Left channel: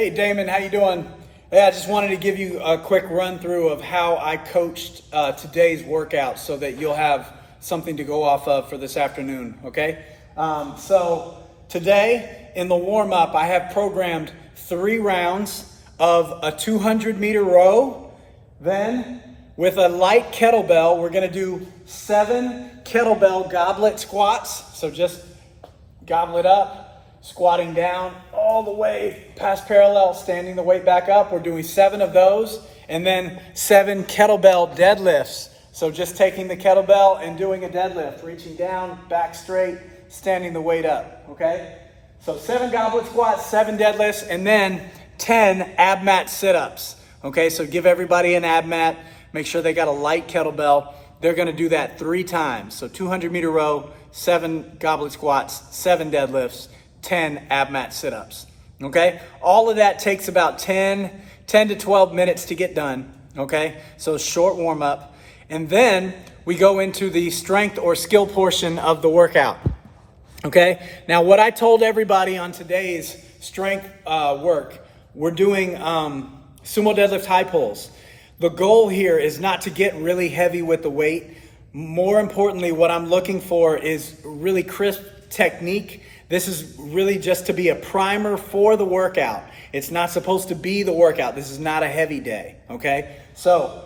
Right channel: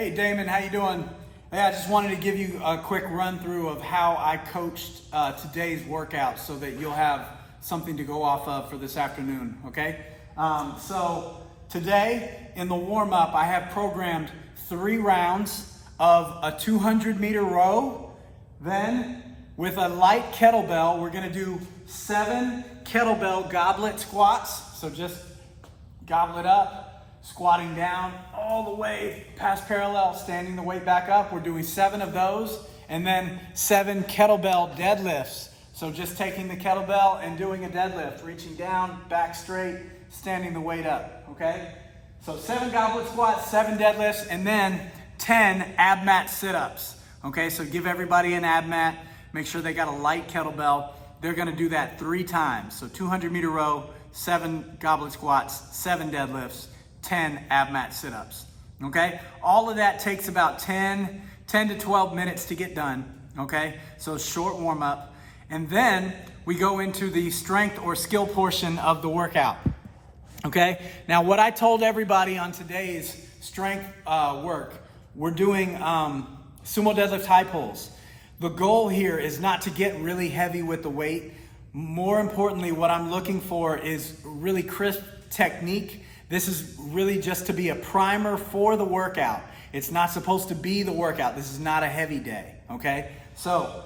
Hey Damon, how you doing? Yeah, I just wanted to give you a quick run through of how I coached today's workout so that you'll have something to go off of for this afternoon, okay? So today in the warm-up, I have programmed 3 rounds of a 200-meter row. Then with a light kettlebell, we're gonna do 7 kettlebell goblet squats. So just gobble it up, squatting down all the way past parallel, standing the weight back up. We're doing 7 of those, and then 7 kettlebell deadlifts. So just taking the kettlebell and doing a deadlift, reaching down, back straight, standing the weight up, okay? So 7 goblet squats, 7 deadlifts, and then 10 ab mat sit-ups, okay? So give everybody an ab mat, make sure they got a light kettlebell. They're gonna do that 3 times. So 200-meter row, 7 goblet squats, 7 deadlifts, 10 ab mat sit-ups, okay? All of that takes about 10 to 12 minutes to get done, okay? So short warm up. And then we go into the strength or skill portion of the workout, okay? Now what I told everybody on today's strength work, we're doing sumo deadlift high pulls. The goal here is not to get really heavy with the weight. More importantly, what I'm looking for is really crisp technique. This is really just to be a primer for the workout. It's not supposed to be the workout. This is not a heavy day, okay? So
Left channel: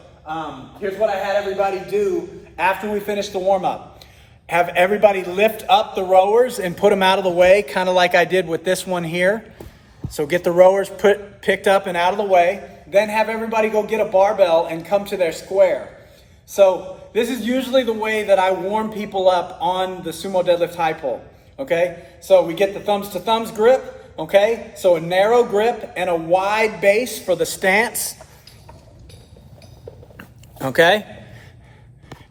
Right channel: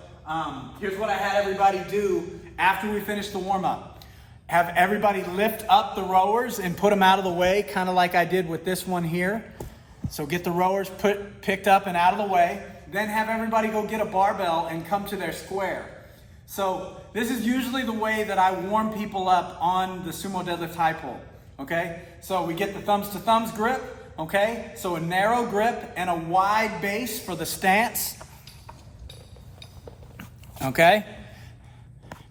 here's what I had everybody do after we finish the warm-up. Have everybody lift up the rowers and put them out of the way, kind of like I did with this one here. So get the rowers picked up and out of the way. Then have everybody go get a barbell and come to their square. So this is usually the way that I warm people up on the sumo deadlift high pull, okay? So we get the thumbs to thumbs grip, okay? So a narrow grip and a wide base for the stance, okay?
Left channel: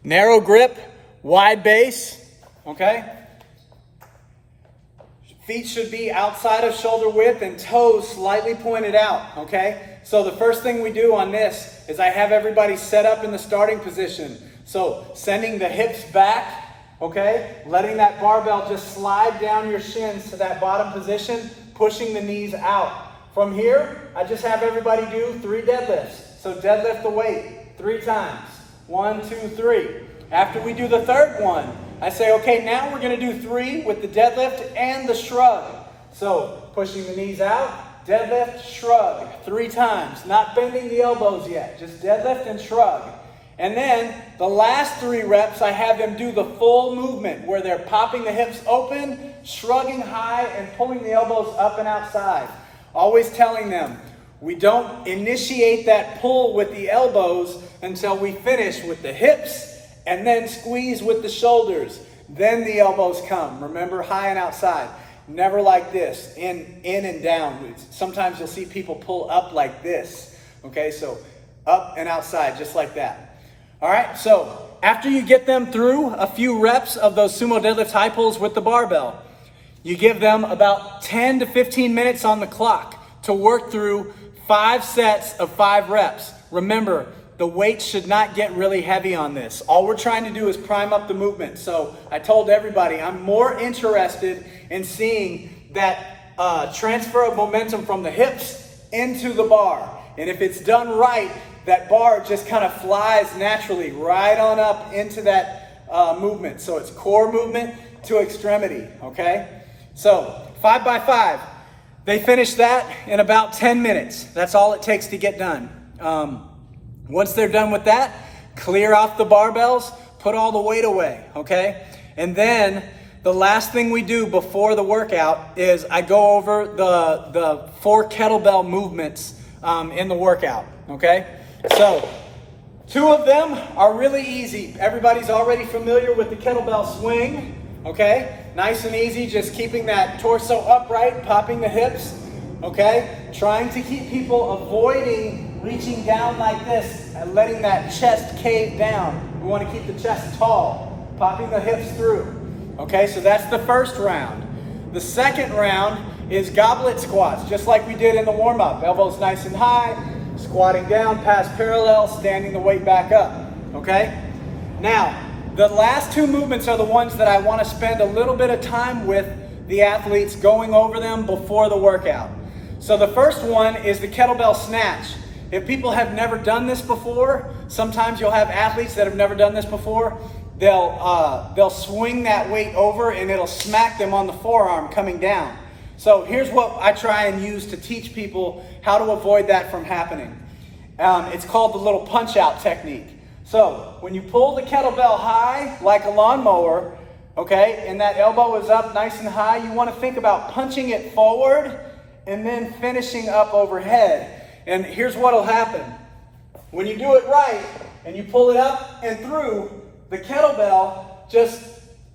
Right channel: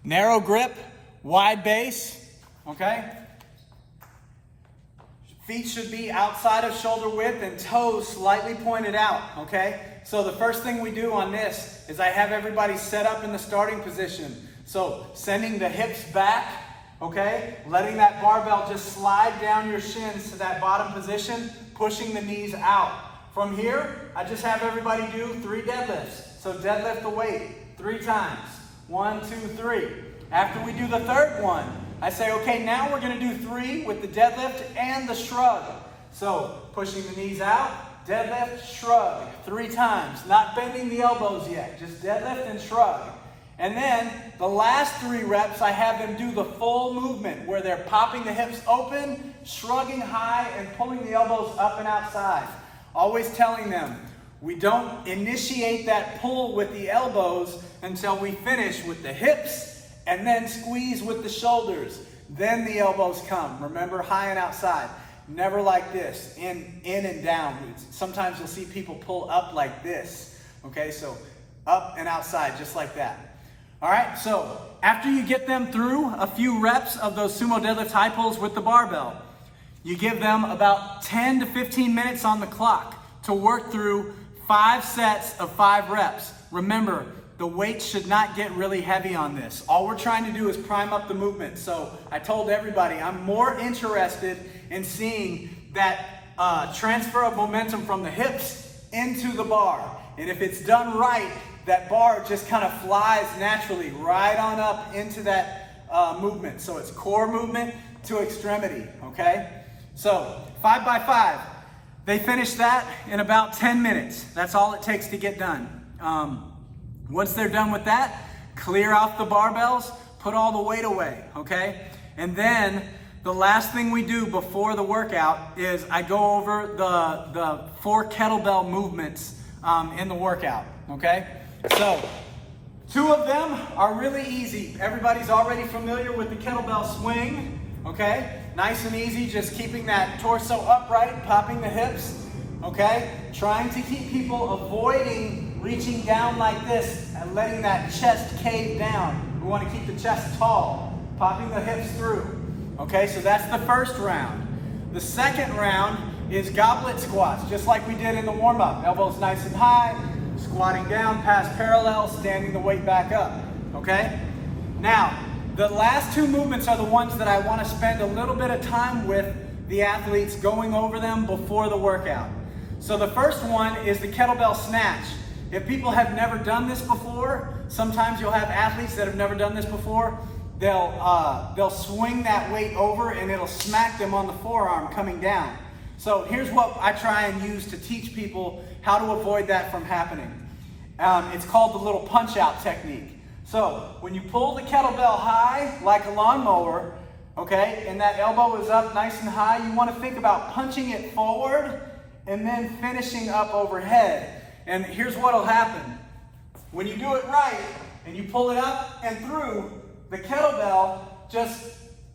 Narrow grip, wide base, okay? Feet should be outside of shoulder width and toes slightly pointed out, okay? So the first thing we do on this is I have everybody set up in the starting position. So sending the hips back, okay? Letting that barbell just slide down your shins to that bottom position, pushing the knees out. From here, I just have everybody do 3 deadlifts. So deadlift the weight 3 times. 1, 2, 3. After we do the 3rd one, I say, okay, now we're gonna do 3 with the deadlift and the shrug. So pushing the knees out, deadlift, shrug, 3 times. Not bending the elbows yet, just deadlift and shrug. And then the last 3 reps, I have them do the full movement where they're popping the hips open, shrugging high, and pulling the elbows up and outside. Always telling them, we don't initiate that pull with the elbows until we finish with the hips and then squeeze with the shoulders. Then the elbows come. Remember, high and outside. Never like this, in and down. Sometimes you'll see people pull up like this. Okay, so up and outside, just like that. All right, so after you get them through a few reps of those sumo deadlift high pulls with the barbell, you give them about 10 to 15 minutes on the clock to work through 5 sets of 5 reps. Remember, the weight should not get really heavy on this. All we're trying to do is prime up the movement. So I told everybody I'm more interested in seeing that transfer of momentum from the hips into the bar. And if it's done right, that bar just kind of flies naturally right on up into that movement. So it's core movement to extremity, okay? So 5 by 5. They finish that in about 10 minutes. That's all it takes to get done. Once they're done with that, clear off the barbells, put all the weight away, okay? And then the last thing we do before the workout is I go over the 4 kettlebell movements in the workout, okay? So 2 of them are really easy. Everybody's already familiar with the kettlebell swing, okay? Nice and easy, just keeping that torso upright, popping the hips, okay? Trying to keep people avoiding reaching down like this and letting that chest cave down. We want to keep the chest tall, popping the hips through. Okay, so that's the first round. The second round is goblet squats, just like we did in the warm-up. Elbows nice and high, squatting down past parallel, standing the weight back up. Okay? Now, the last 2 movements are the ones that I want to spend a little bit of time with the athletes going over them before the workout. So the first one is the kettlebell snatch. If people have never done this before, sometimes you'll have athletes that have never done this before. They'll swing that weight over and it'll smack them on the forearm coming down. So here's what I try and use to teach people how to avoid that from happening. It's called the little punch out technique. So when you pull the kettlebell high like a lawnmower, okay, and that elbow is up nice and high, you want to think about punching it forward and then finishing up overhead. And here's what will happen. When you do it right and you pull it up and through, the kettlebell just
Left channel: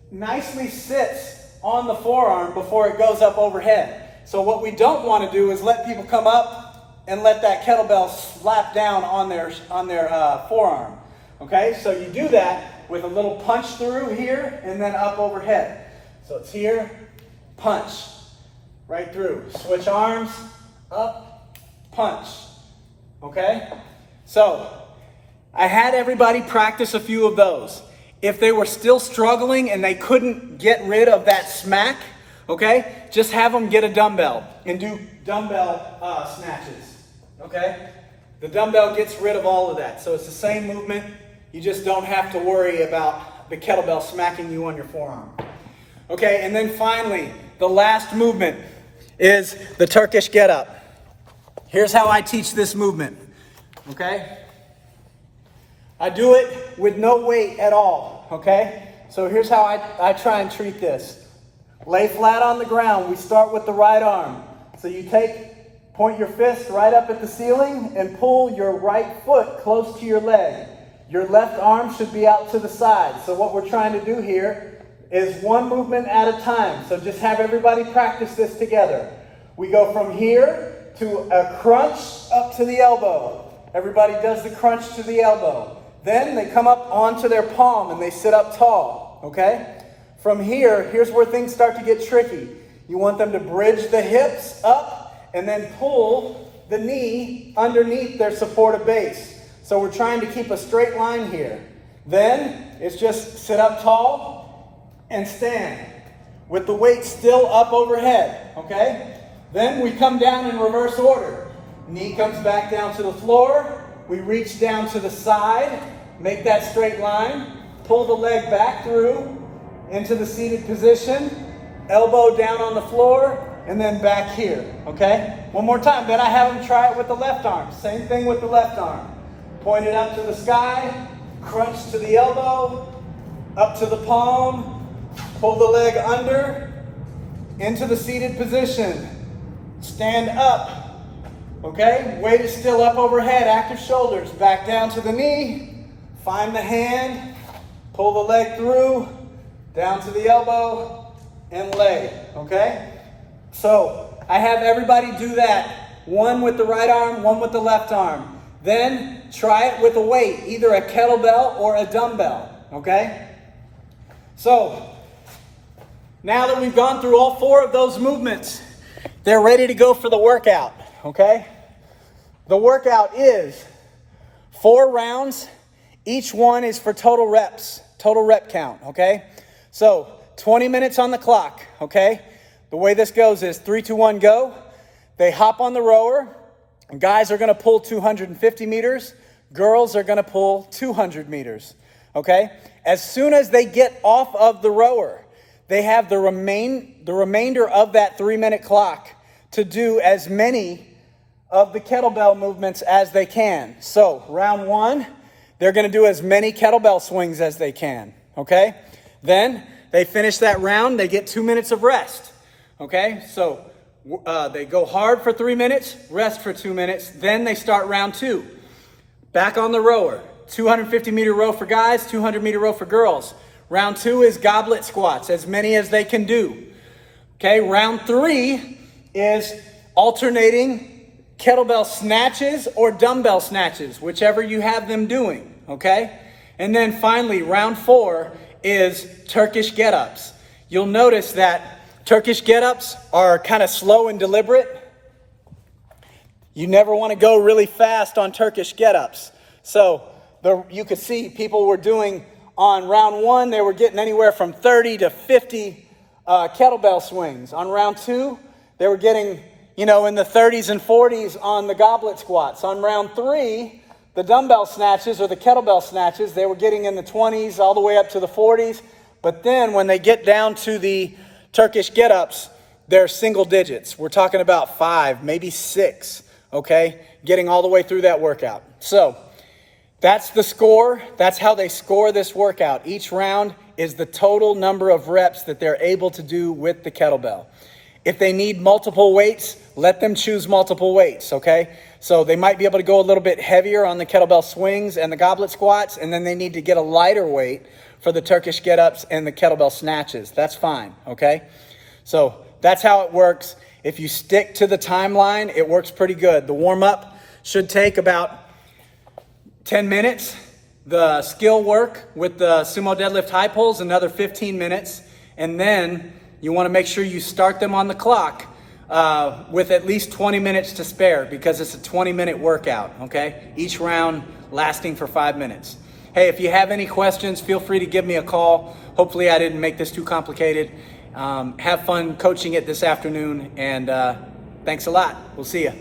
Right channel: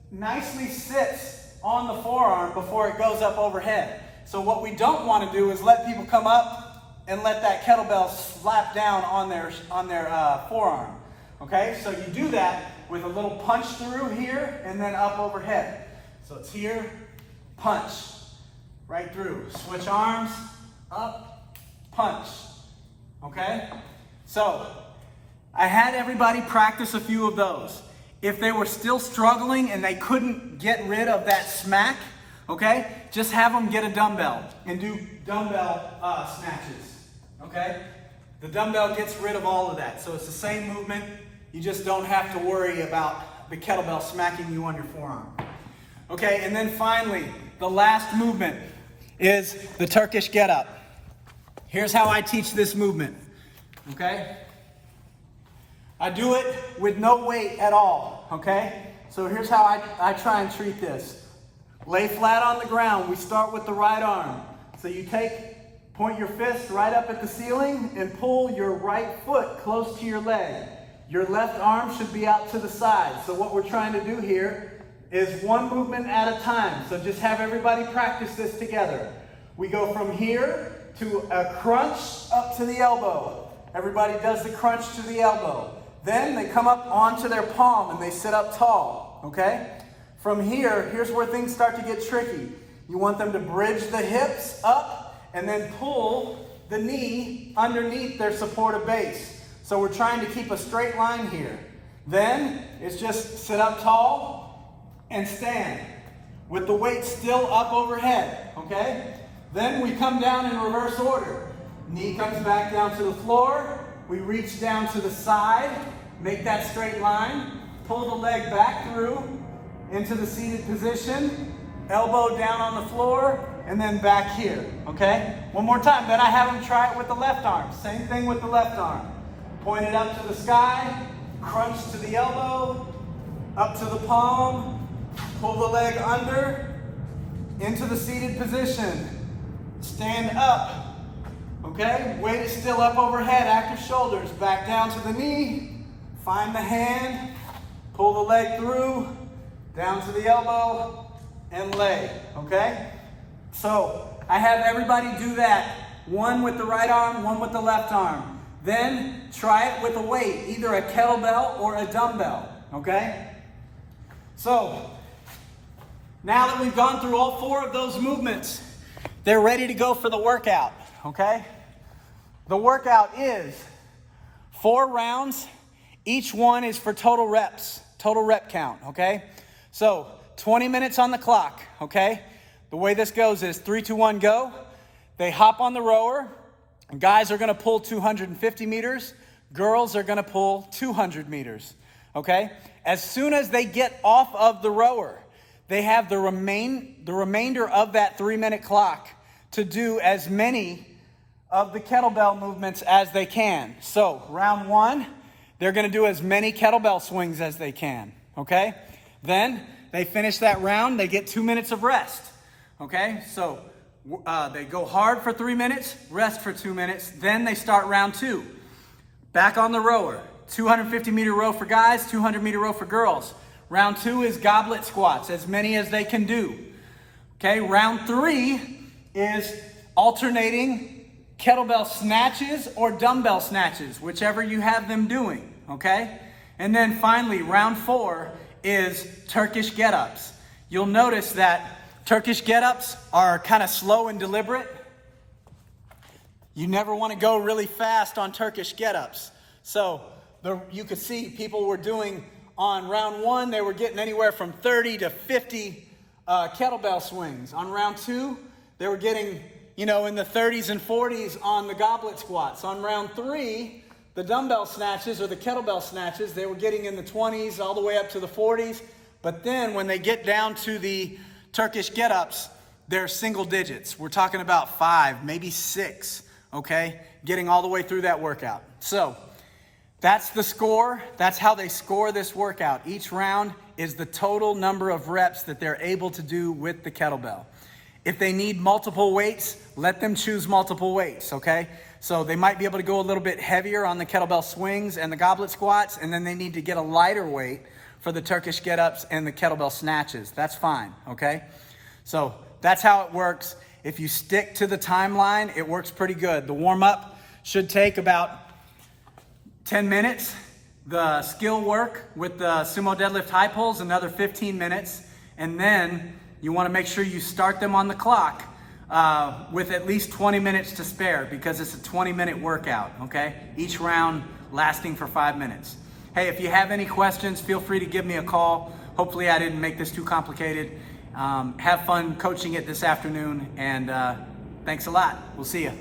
nicely sits on the forearm before it goes up overhead. So what we don't want to do is let people come up and let that kettlebell slap down on their forearm. Okay, so you do that with a little punch through here and then up overhead. So it's here, punch, right through. Switch arms, up, punch. Okay, so I had everybody practice a few of those. If they were still struggling and they couldn't get rid of that smack, okay, just have them get a dumbbell and do dumbbell snatches, okay? The dumbbell gets rid of all of that. So it's the same movement. You just don't have to worry about the kettlebell smacking you on your forearm. Okay, and then finally, the last movement is the Turkish get-up. Here's how I teach this movement, okay? I do it with no weight at all, okay? So here's how I try and treat this. Lay flat on the ground. We start with the right arm. So you point your fist right up at the ceiling and pull your right foot close to your leg. Your left arm should be out to the side. So what we're trying to do here is one movement at a time. So just have everybody practice this together. We go from here to a crunch up to the elbow. Everybody does the crunch to the elbow. Then they come up onto their palm and they sit up tall, okay? From here, here's where things start to get tricky. You want them to bridge the hips up and then pull the knee underneath their supportive base. So we're trying to keep a straight line here. Then it's just sit up tall and stand with the weight still up overhead, okay? Then we come down in reverse order. Knee comes back down to the floor. We reach down to the side, make that straight line, pull the leg back through into the seated position, elbow down on the floor, and then back here, okay? One more time, then I have them try it with the left arm. Same thing with the left arm. Point it up to the sky, crunch to the elbow, up to the palm, pull the leg under, into the seated position, stand up. Okay, weight is still up overhead, active shoulders, back down to the knee, find the hand, pull the leg through, down to the elbow, and lay, okay? So I have everybody do that, one with the right arm, one with the left arm. Then try it with a weight, either a kettlebell or a dumbbell, okay? So now that we've gone through all four of those movements, they're ready to go for the workout. Okay? The workout is 4 rounds. Each one is for total reps, total rep count, okay? So 20 minutes on the clock, okay? The way this goes is 3, 2, 1, go. They hop on the rower. Guys are gonna pull 250 meters. Girls are gonna pull 200 meters, okay? As soon as they get off of the rower, they have the remainder of that 3-minute clock to do as many of the kettlebell movements as they can. So round 1, they're gonna do as many kettlebell swings as they can, okay? Then they finish that round, they get 2 minutes of rest, okay? So they go hard for 3 minutes, rest for 2 minutes, then they start round 2. Back on the rower, 250 meter row for guys, 200 meter row for girls. Round 2 is goblet squats, as many as they can do. Okay, round 3 is alternating kettlebell snatches or dumbbell snatches, whichever you have them doing, okay? And then finally, round 4 is Turkish get-ups. You'll notice that Turkish get-ups are kind of slow and deliberate. You never want to go really fast on Turkish get-ups. So you could see people were doing, on round 1, they were getting anywhere from 30 to 50 kettlebell swings. On round 2, they were getting, you know, in the 30s and 40s on the goblet squats. On round 3, the dumbbell snatches or the kettlebell snatches, they were getting in the 20s all the way up to the 40s. But then when they get down to the Turkish get-ups, they're single digits. We're talking about 5, maybe 6, okay? Getting all the way through that workout. So that's the score. That's how they score this workout. Each round is the total number of reps that they're able to do with the kettlebell. If they need multiple weights, let them choose multiple weights, okay? So they might be able to go a little bit heavier on the kettlebell swings and the goblet squats, and then they need to get a lighter weight for the Turkish get-ups and the kettlebell snatches. That's fine, okay? So that's how it works. If you stick to the timeline, it works pretty good. The warm-up should take about 10 minutes. The skill work with the sumo deadlift high pulls, another 15 minutes. And then you want to make sure you start them on the clock with at least 20 minutes to spare, because it's a 20-minute workout, okay? Each round lasting for 5 minutes. Hey, if you have any questions, feel free to give me a call. Hopefully I didn't make this too complicated. Have fun coaching it this afternoon, and thanks a lot. We'll see you.